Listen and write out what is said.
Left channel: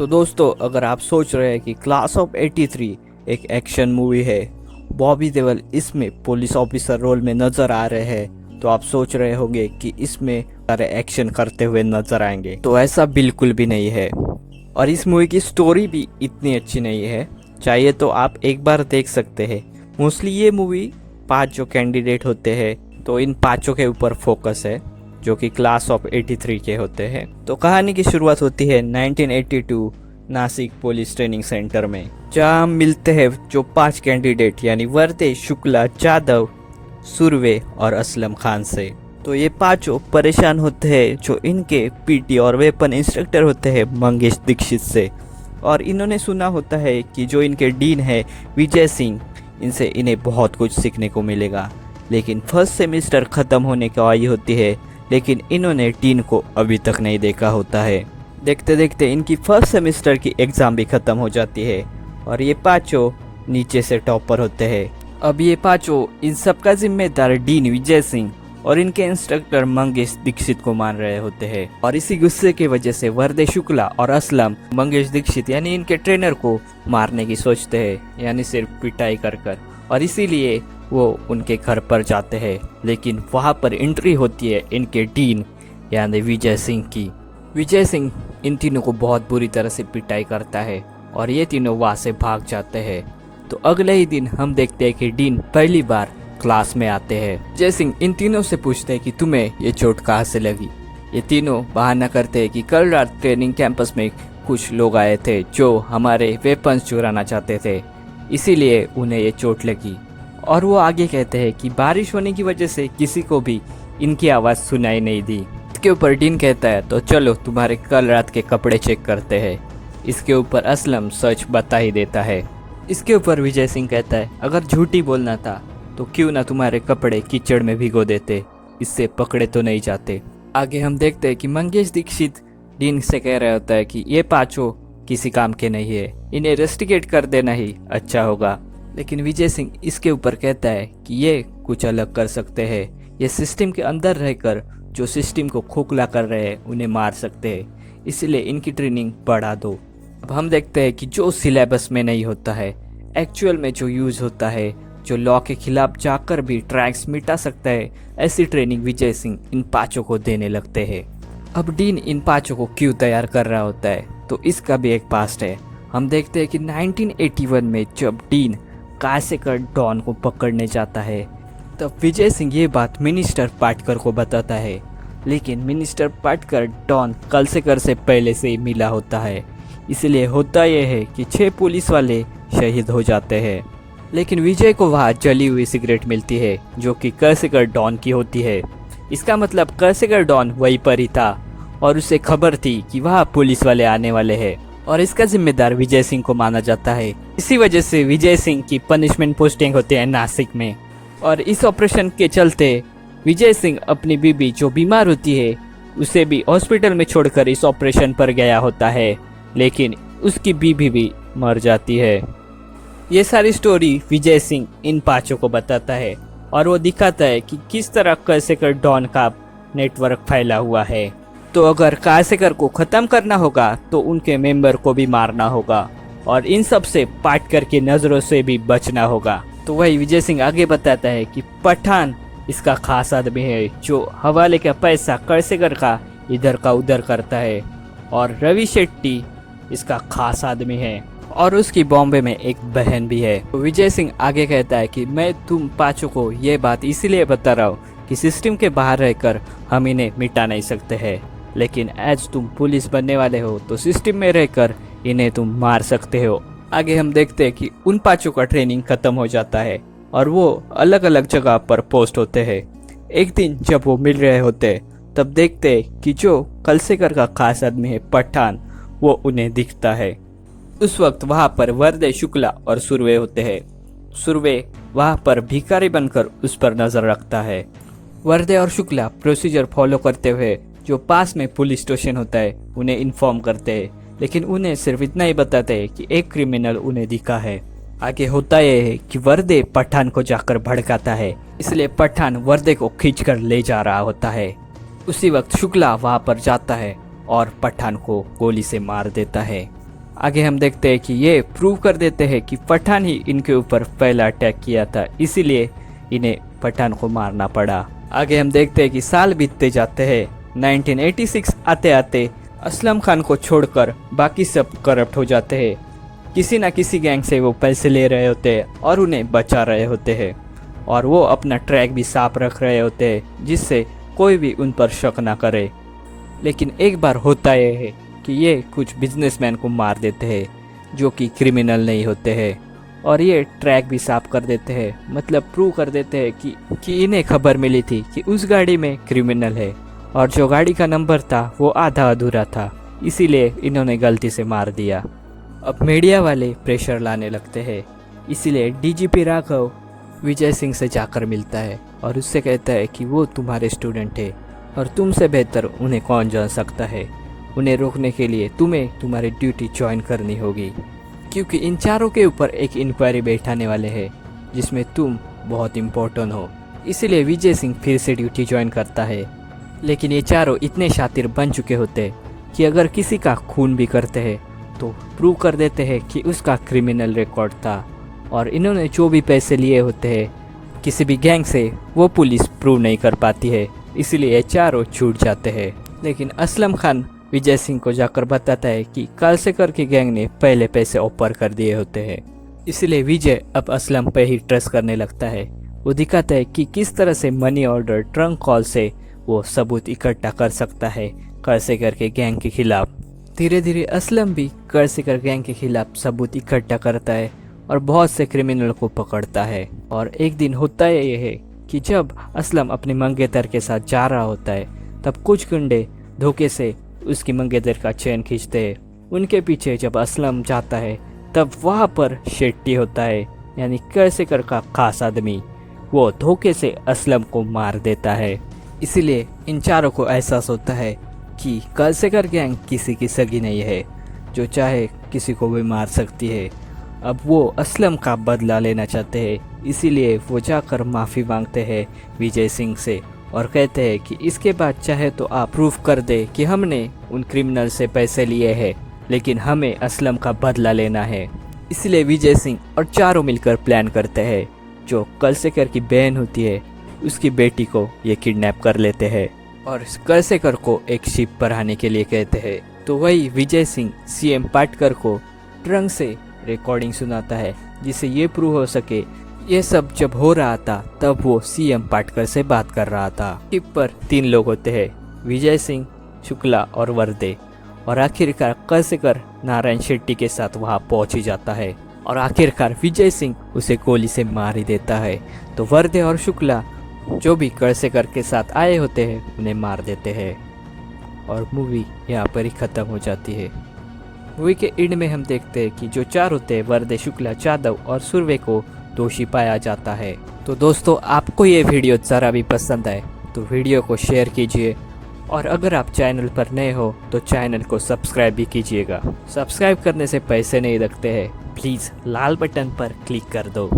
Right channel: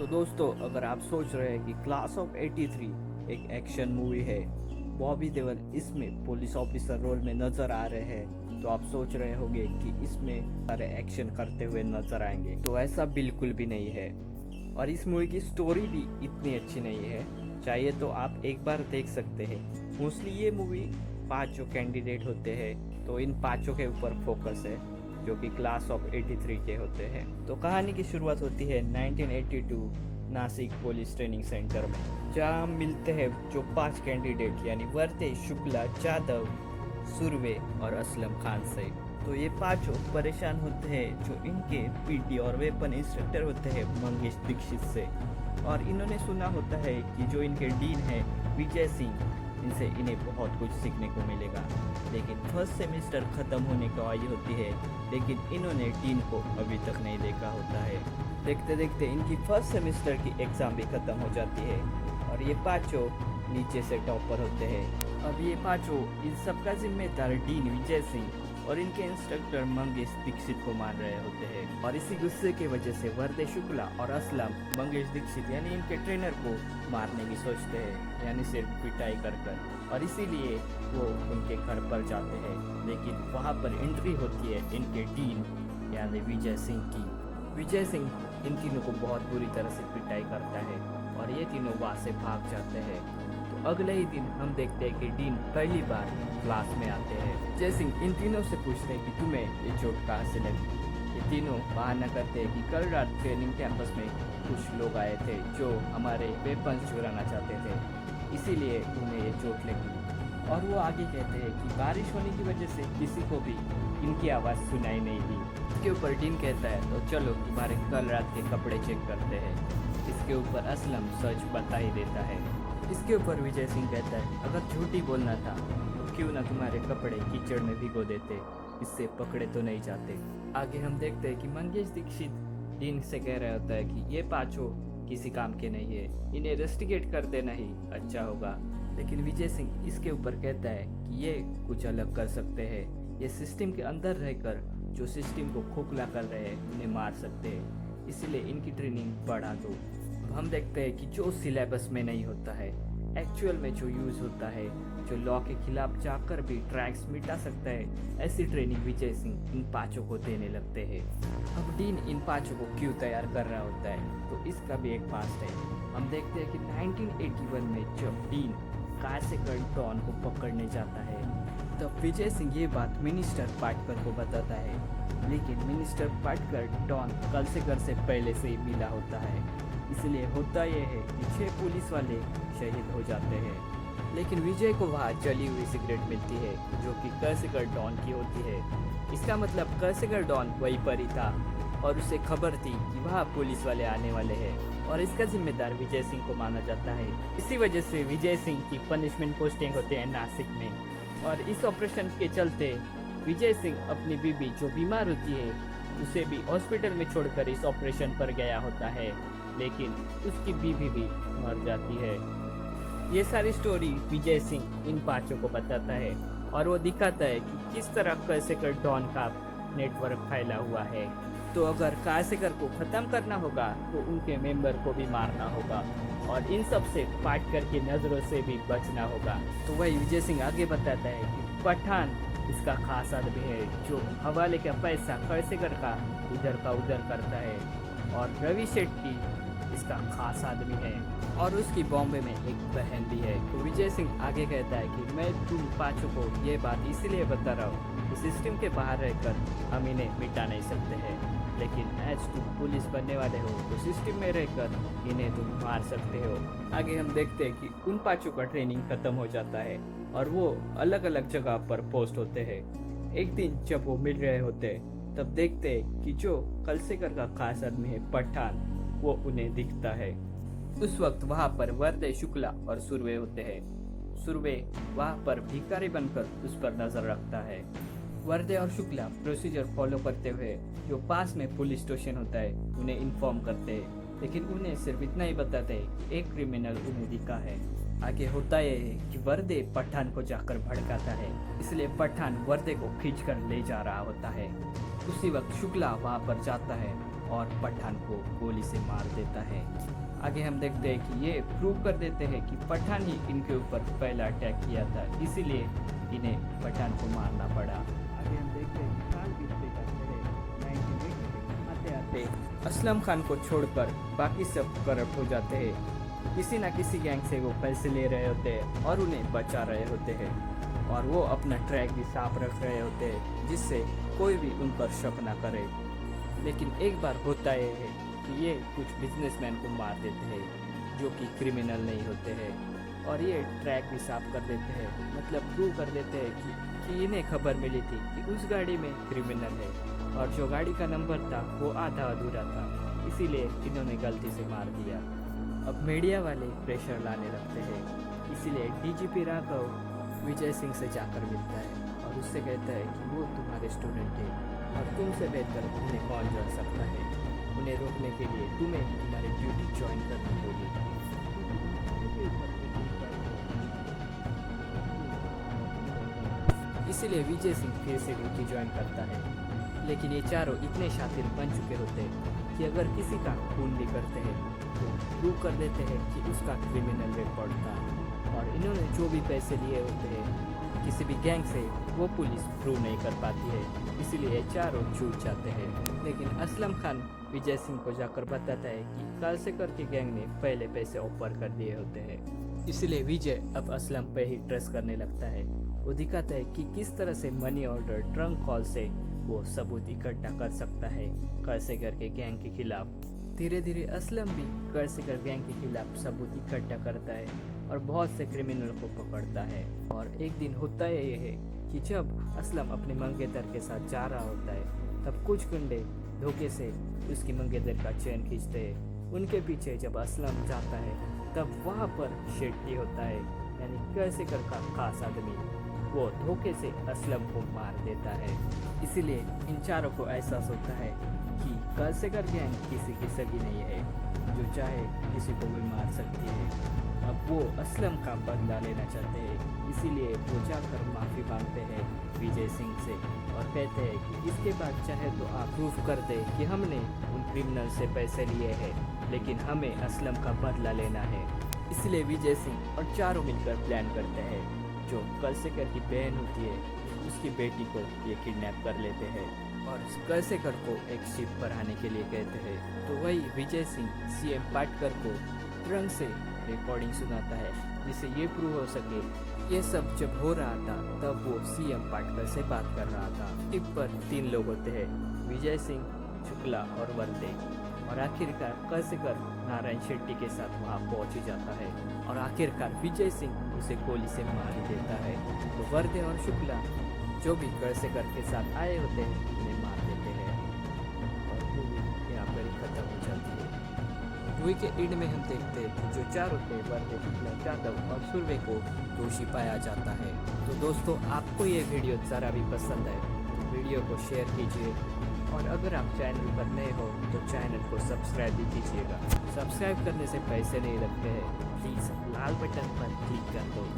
तो दोस्तों, अगर आप सोच रहे हैं कि क्लास ऑफ 83 एक एक्शन मूवी है, बॉबी देओल इसमें पुलिस ऑफिसर रोल में नजर आ रहे हैं, तो आप सोच रहे होंगे कि इसमें सारे एक्शन करते हुए नजर आएंगे। तो ऐसा बिल्कुल भी नहीं है। और इस मूवी की स्टोरी भी इतनी अच्छी नहीं है। चाहिए तो आप एक बार देख सकते हैं। मोस्टली ये मूवी 5 जो कैंडिडेट होते हैं, तो इन पांचों के ऊपर फोकस है, जो कि क्लास ऑफ 83 के होते हैं। तो कहानी की शुरुआत होती है 1982 नासिक पुलिस ट्रेनिंग सेंटर में, जहां मिलते हैं जो 5 कैंडिडेट यानी वर्दे, शुक्ला, जादव, सुरवे और असलम खान से। तो ये पांचों परेशान होते हैं जो इनके पीटी और वेपन इंस्ट्रक्टर होते हैं मंगेश दीक्षित से। और इन्होंने सुना होता है कि जो इनके डीन है विजय सिंह, इनसे इन्हें बहुत कुछ सीखने को मिलेगा। लेकिन फर्स्ट सेमेस्टर ख़त्म होने को आई होती है, लेकिन इन्होंने डीन को अभी तक नहीं देखा होता है। देखते देखते इनकी फर्स्ट सेमेस्टर की एग्ज़ाम भी ख़त्म हो जाती है और ये पाँचों नीचे से टॉपर होते हैं। अब ये पाँचों इन सबका जिम्मेदार डीन विजय सिंह और इनके इंस्ट्रक्टर मंगेश दीक्षित को मान रहे होते हैं। और इसी गुस्से की वजह से वर्दे, शुक्ला और असलम मंगेश दीक्षित यानी इनके ट्रेनर को मारने की सोचते हैं, यानी सिर्फ पिटाई कर कर। और इसीलिए वो उनके घर पर जाते हैं। लेकिन वहाँ पर एंट्री होती है इनके डीन यानी विजय सिंह की। विजय सिंह इन तीनों को बहुत बुरी तरह से पिटाई करता है और ये तीनों वहाँ से भाग जाते हैं। तो अगले ही दिन हम देखते हैं कि डीन पहली बार क्लास में आते हैं। जय सिंह इन तीनों से पूछते हैं कि तुम्हें ये चोट कहाँ से लगी। ये तीनों बहाना करते हैं कि कल रात ट्रेनिंग कैंपस में कुछ लोग आए थे जो हमारे वेपन्स चुराना चाहते थे, इसीलिए उन्हें ये चोट लगी। और वो आगे कहते हैं कि बारिश होने की वजह से किसी को भी इनकी आवाज़ सुनाई नहीं दी। इसके ऊपर डीन कहता है तो चलो तुम्हारे कल रात के कपड़े चेक करते हैं। इसके ऊपर असलम सच बता ही देता है। इसके ऊपर विजय सिंह कहता है अगर झूठी बोलना था तो क्यों ना तुम्हारे कपड़े कीचड़ में भिगो देते, इससे पकड़े तो नहीं जाते। आगे हम देखते हैं कि मंगेश दीक्षित डीन से कह रहा होता है कि ये पांचों किसी काम के नहीं है, इन्हें रेस्टिकेट कर देना ही अच्छा होगा। लेकिन विजय सिंह इसके ऊपर कहता है कि ये कुछ अलग कर सकते हैं, ये सिस्टम के अंदर रहकर जो सिस्टम को खोखला कर रहे हैं उन्हें मार सकते हैं, इसलिए इनकी ट्रेनिंग बढ़ा दो। अब हम देखते हैं कि जो सिलेबस में नहीं होता है, एक्चुअल में जो यूज होता है, जो लॉ के खिलाफ जाकर भी ट्रैक्स मिटा सकता है, ऐसी ट्रेनिंग विजय सिंह इन पांचों को देने लगते हैं। अब डीन इन पांचों को क्यों तैयार कर रहा होता है, तो इसका भी एक पास्ट है। हम देखते हैं कि 1981 में जब डीन कासेकर डॉन को पकड़ने जाता है, तब विजय सिंह ये बात मिनिस्टर पाटकर को बताता है। लेकिन मिनिस्टर पाटकर डॉन कासेकर से पहले से ही मिला होता है, इसलिए होता यह है कि 6 पुलिस वाले शहीद हो जाते हैं। लेकिन विजय को वहाँ जली हुई सिगरेट मिलती है जो कि कासेकर डॉन की होती है। इसका मतलब कासेकर डॉन वहीं पर ही था और उसे खबर थी कि वहाँ पुलिस वाले आने वाले हैं, और इसका जिम्मेदार विजय सिंह को माना जाता है। इसी वजह से विजय सिंह की पनिशमेंट पोस्टिंग होती है नासिक में। और इस ऑपरेशन के चलते विजय सिंह अपनी बीबी जो बीमार होती है उसे भी हॉस्पिटल में छोड़कर इस ऑपरेशन पर गया होता है, लेकिन उसकी बीबी भी मर जाती है। ये सारी स्टोरी विजय सिंह इन पांचों को बताता है और वो दिखाता है कि किस तरह कासेकर डॉन का नेटवर्क फैला हुआ है। तो अगर कासेकर को ख़त्म करना होगा तो उनके मेंबर को भी मारना होगा और इन सब से पाटकर की नज़रों से भी बचना होगा। तो वही विजय सिंह आगे बताता है कि पठान इसका खास आदमी है जो हवाले का पैसा कासेकर का इधर का उधर करता है, और रवि शेट्टी इसका खास आदमी है और उसकी बॉम्बे में एक बहन भी है। तो विजय सिंह आगे कहता है कि मैं तुम पांचों को ये बात इसीलिए बता रहा हूँ कि सिस्टम के बाहर रहकर हम इन्हें मिटा नहीं सकते हैं, लेकिन आज तुम पुलिस बनने वाले हो तो सिस्टम में रहकर इन्हें तुम मार सकते हो। आगे हम देखते हैं कि उन पांचों का ट्रेनिंग खत्म हो जाता है और वो अलग अलग जगह पर पोस्ट होते हैं। एक दिन जब वो मिल रहे होते तब देखते हैं कि जो कासेकर का खास आदमी है पठान, वो उन्हें दिखता है। उस वक्त वहाँ पर वर्दे, शुक्ला और सुरवे होते हैं। सुरवे वहाँ पर भिखारी बनकर उस पर नजर रखता है। वर्दे और शुक्ला प्रोसीजर फॉलो करते हुए जो पास में पुलिस स्टेशन होता है उन्हें इन्फॉर्म करते हैं, लेकिन उन्हें सिर्फ इतना ही बताते हैं कि एक क्रिमिनल उन्हें दिखा है। आगे होता यह है कि वर्दे पठान को जाकर भड़काता है, इसलिए पठान वर्दे को खींचकर ले जा रहा होता है। उसी वक्त शुक्ला वहाँ पर जाता है और पठान को गोली से मार देता है। आगे हम देखते हैं कि ये प्रूव कर देते हैं कि पठान ही इनके ऊपर पहला अटैक किया था, इसीलिए इन्हें पठान को मारना पड़ा। आगे हम देखते हैं कि साल बीतते जाते हैं। 1986 आते आते असलम खान को छोड़कर बाकी सब करप्ट हो जाते हैं। किसी ना किसी गैंग से वो पैसे ले रहे होते हैं और उन्हें बचा रहे होते हैं, और वो अपना ट्रैक भी साफ रख रहे होते हैं जिससे कोई भी उन पर शक ना करे। लेकिन एक बार होता यह है कि ये कुछ बिजनेसमैन को मार देते हैं जो कि क्रिमिनल नहीं होते हैं, और ये ट्रैक भी साफ कर देते हैं, मतलब प्रूव कर देते हैं कि इन्हें खबर मिली थी कि उस गाड़ी में क्रिमिनल है, और जो गाड़ी का नंबर था वो आधा अधूरा था, इसीलिए इन्होंने गलती से मार दिया। अब मीडिया वाले प्रेशर लाने लगते हैं, इसीलिए डीजीपी राघव विजय सिंह से जाकर मिलता है और उससे कहता है कि वो तुम्हारे स्टूडेंट है और तुमसे बेहतर उन्हें कौन जान सकता है। उन्हें रोकने के लिए तुम्हें तुम्हारी ड्यूटी ज्वाइन करनी होगी, क्योंकि इन चारों के ऊपर एक इंक्वायरी बैठाने वाले हैं जिसमें तुम बहुत इम्पोर्टेंट हो। इसीलिए विजय सिंह फिर से ड्यूटी ज्वाइन करता है। लेकिन ये चारों इतने शातिर बन चुके होते हैं कि अगर किसी का खून भी करते हैं तो प्रूव कर देते हैं कि उसका क्रिमिनल रिकॉर्ड था, और इन्होंने जो भी पैसे लिए होते हैं किसी भी गैंग से वो पुलिस प्रूव नहीं कर पाती है, इसलिए ये चारों छूट जाते हैं। लेकिन असलम खान विजय सिंह को जाकर बताता है कि कालसेकर की गैंग ने पहले पैसे ऑफर कर दिए होते हैं, इसलिए विजय अब असलम पे ही ट्रस्ट करने लगता है। वो दिखाता है कि किस तरह से मनी ऑर्डर ट्रंक कॉल से वो सबूत इकट्ठा कर सकता है कालसेकर के गैंग के खिलाफ। धीरे धीरे असलम भी कालसेकर गैंग के खिलाफ सबूत इकट्ठा करता है और बहुत से क्रिमिनल को पकड़ता है। और एक दिन होता यह है कि जब असलम अपने मंगेतर के साथ जा रहा होता है तब कुछ गुंडे धोखे से उसकी मंगेतर का चैन खींचते हैं। उनके पीछे जब असलम जाता है तब वहाँ पर शेट्टी होता है, यानी कालसेकर का खास आदमी। वो धोखे से असलम को मार देता है। इसीलिए इन चारों को एहसास होता है कि कालसेकर गैंग किसी की सगी नहीं है जो चाहे किसी को भी मार सकती है। अब वो असलम का बदला लेना चाहते हैं, इसीलिए वो जाकर माफ़ी मांगते हैं विजय सिंह से और कहते हैं कि इसके बाद चाहे तो आप प्रूफ कर दे कि हमने उन क्रिमिनल से पैसे लिए हैं, लेकिन हमें असलम का बदला लेना है। इसलिए विजय सिंह और चारों मिलकर प्लान करते हैं। जो कालसेकर की बहन होती है उसकी बेटी को ये किडनैप कर लेते हैं और कालसेकर को एक शिप पर आने के लिए कहते हैं। तो वही विजय सिंह सीएम पाटकर को ट्रंक से रिकॉर्डिंग सुनाता है जिससे ये प्रूव हो सके ये सब जब हो रहा था तब वो सीएम पाटकर से बात कर रहा था। शिप पर 3 लोग होते हैं, विजय सिंह, शुक्ला और वर्दे, और आखिरकार कालसेकर नारायण शेट्टी के साथ वहाँ पहुँच ही जाता है और आखिरकार विजय सिंह उसे गोली से मार ही देता है। तो वर्दे और शुक्ला जो भी कालसेकर के साथ आए होते हैं उन्हें मार देते हैं और मूवी यहाँ पर ही ख़त्म हो जाती है। मूवी के एंड में हम देखते हैं कि जो 4 होते हैं वर्दे, शुक्ला, जादव और सुरवे को दोषी पाया जाता है। तो दोस्तों, आपको ये वीडियो ज़रा भी पसंद आए तो वीडियो को शेयर कीजिए, और अगर आप चैनल पर नए हो तो चैनल को सब्सक्राइब भी कीजिएगा। सब्सक्राइब करने से पैसे नहीं लगते हैं, प्लीज़ लाल बटन पर क्लिक कर दो।